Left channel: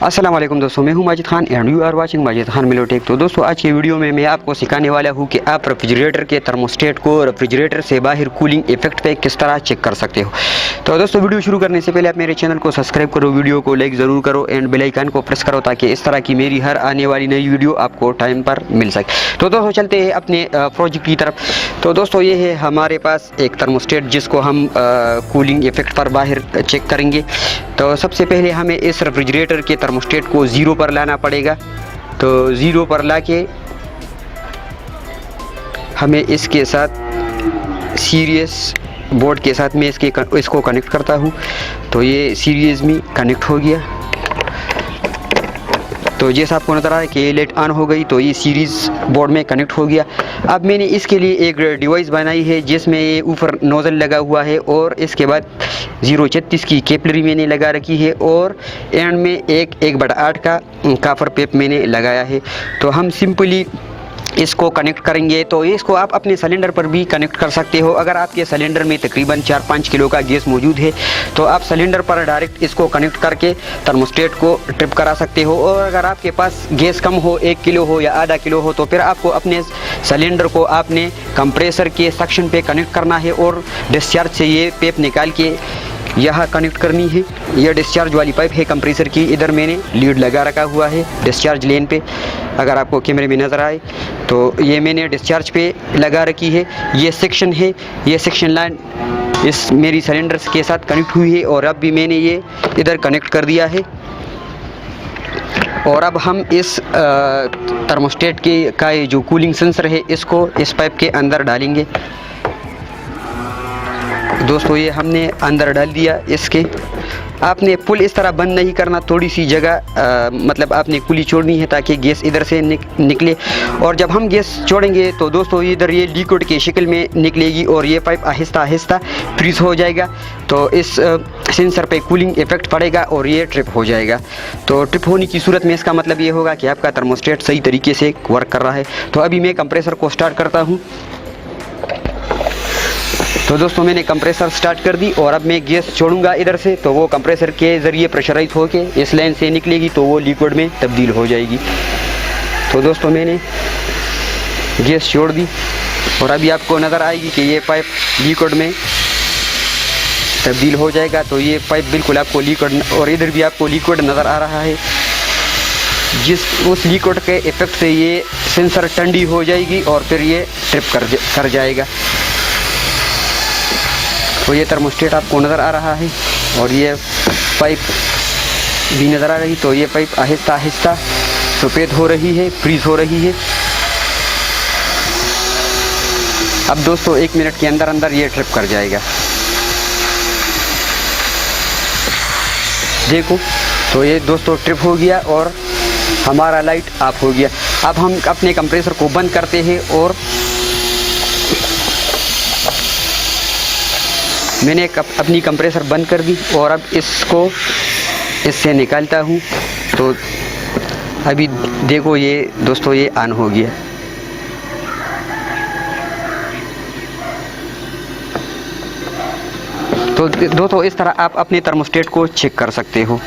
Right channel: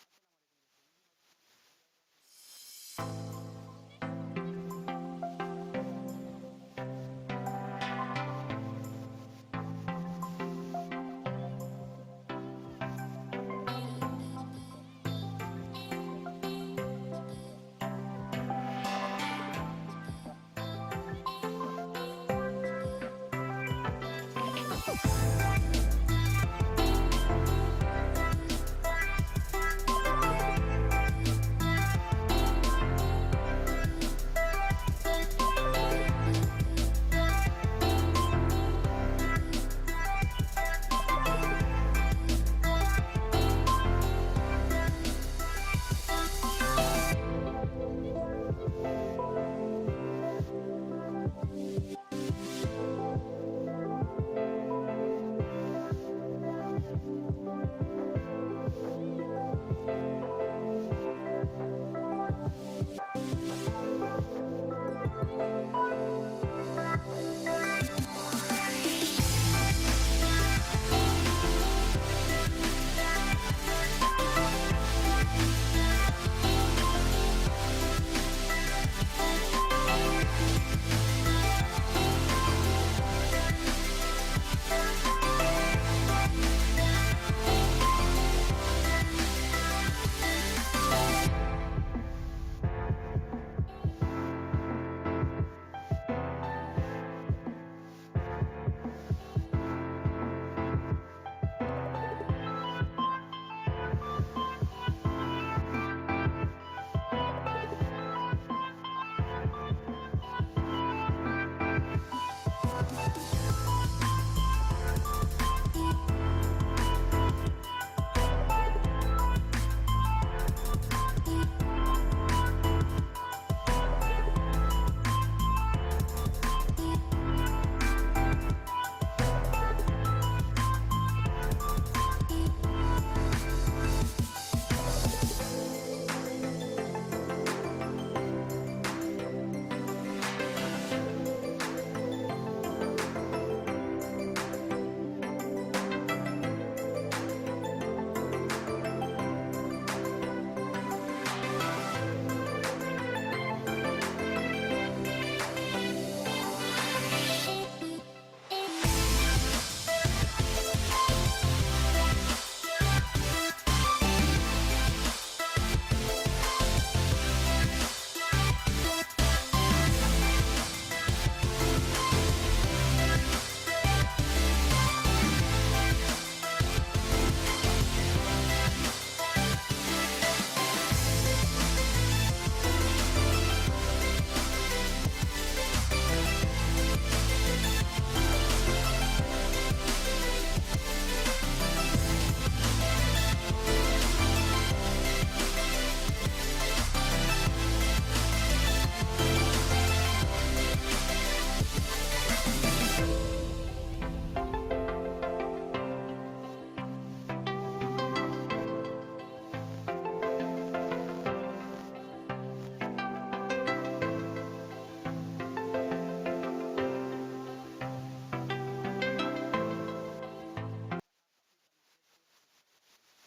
अस्सलाम वालेकुम दोस्तों, मैं हूं Majid Khan and you are watching Majid Khan Milotech. तो दोस्तों आज की वीडियो में मैं आपको सिखाने वाला हूं कि आप रेफ्रिजरेटर के थर्मोस्टेट को रेफ्रिजरेटर से बाहर कूलिंग इफेक्ट पे किस तरह चेक कर सकते हो। तो दोस्तों वीडियो शुरू करने से पहले आप मेरे चैनल को सब्सक्राइब करो, वीडियो को लाइक ज़रूर करो एंड बेल आइकन को प्रेस करो ताकि इस तरह की मेरी हर आने वाली नई वीडियो आपको टाइम पर मिल सके। तो दोस्तों चलते हैं अपने प्रोजेक्ट की तरफ। तो दोस्तों ये है हमारे पास एक थर्मोस्टेट जिसको हम कूलिंग इफेक्ट पर बाहर चेक करेंगे। तो सबसे पहले हमें इस रेफ्रिजरेटर के थर्मोस्टेट को 0 पर लाना पड़ेगा। तो 0 पर लाके हमें इसके साथ सीरीज बोर्ड के साथ में इसको कनेक्ट करता हूँ। तो ये सीरीज में कनेक्ट हो गया। तो जैसा आपको नज़र आ रहा है कि ये लाइट ऑन हो गई, तो ये सीरीज़ बोर्ड में कनेक्ट हो गया। अब मैंने इसके लिए एक डिवाइस बनाई है जिसमें ये ऊपर नोज़ल लगा हुआ है और इसके बाद 0.36 की कैपिलरी मैंने लगा रखी है और एंड में एक 1/8 का कापर पेप मैंने लगाया है। तो हम सिंपली इसको कनेक्ट करेंगे। तो इसको आप अपने सिलेंडर पर भी कनेक्ट कर सकते हो। अगर आपके सिलेंडर में तकरीबन 4-5 किलो का गैस मौजूद है तो आप सिलेंडर पर डायरेक्ट इसको कनेक्ट करके थर्मोस्टेट को ट्रिप करा सकते हो। और अगर आपके पास गैस कम हो, 1 किलो हो या आधा किलो हो, तो फिर आपको अपने सिलेंडर को आपने कंप्रेसर के सेक्शन पे कनेक्ट करना है और डिस्चार्ज से ये पेप निकाल के यहाँ कनेक्ट करनी है। यह डिस्चार्ज वाली पाइप है कंप्रेसर की। इधर मैंने लीड लगा रखा हुआ है डिस्चार्ज लेन पे, अगर आपको कैमरे में नज़र आए तो ये मैंने डिस्चार्ज पे लगा रखी है। ये सेक्शन है, ये सेक्शन लाइन इस मेरी सिलेंडर के साथ कनेक्ट हुई है और अब भी मैंने ये इधर कनेक्ट कर दिया है। और अब हम इस थर्मोस्टेट का ये जो कूलिंग सेंसर है इसको इस पाइप के अंदर डालेंगे। दोस्तों ये हमने अंदर डाल दिया। इसके आपने पुल इस तरह बंद नहीं करना, थोड़ी सी जगह मतलब आपने कुली छोड़नी है ताकि गैस इधर से निकले। और जब हम गैस छोड़ेंगे तो दोस्तों इधर ये लिक्विड के शक्ल में निकलेगी और ये पाइप आहिस्ता आहिस्ता फ्रीज हो जाएगा। तो इस सेंसर पे कूलिंग इफेक्ट पड़ेगा और ये ट्रिप हो जाएगा। तो ट्रिप होने की सूरत में इसका मतलब ये होगा कि आपका थर्मोस्टेट सही तरीके से वर्क कर रहा है। तो अभी मैं कंप्रेसर को स्टार्ट करता हूँ। तो दोस्तों मैंने कंप्रेसर स्टार्ट कर दी और अब मैं गैस छोड़ूंगा इधर से, तो वो कंप्रेसर के ज़रिए प्रेशराइज होके इस लाइन से निकलेगी तो वो लिक्विड में तब्दील हो जाएगी। तो दोस्तों मैंने गैस छोड़ दी और अभी आपको नज़र आएगी कि ये पाइप लिक्विड में तब्दील हो जाएगा। तो ये पाइप बिल्कुल आपको लिक्विड, और इधर भी आपको लिक्विड नज़र आ रहा है। उस लिक्विड के इफेक्ट से ये सेंसर ठंडी हो जाएगी और फिर ये ट्रिप कर जाएगा। तो ये थर्मोस्टेट आपको नज़र आ रहा है और ये पाइप भी नज़र आ रही। तो ये पाइप आहिस्ता आहिस्ता सफ़ेद हो रही है, फ्रीज हो रही है। अब दोस्तों 1 मिनट के अंदर अंदर ये ट्रिप कर जाएगा। देखो तो ये दोस्तों ट्रिप हो गया और हमारा लाइट ऑफ हो गया। अब हम अपने कंप्रेसर को बंद करते हैं और मैंने अपनी कंप्रेसर बंद कर दी और अब इसको इससे निकालता हूँ। तो अभी देखो ये दोस्तों ये ऑन हो गया। तो दोस्तों इस तरह आप अपने थर्मोस्टेट को चेक कर सकते हो।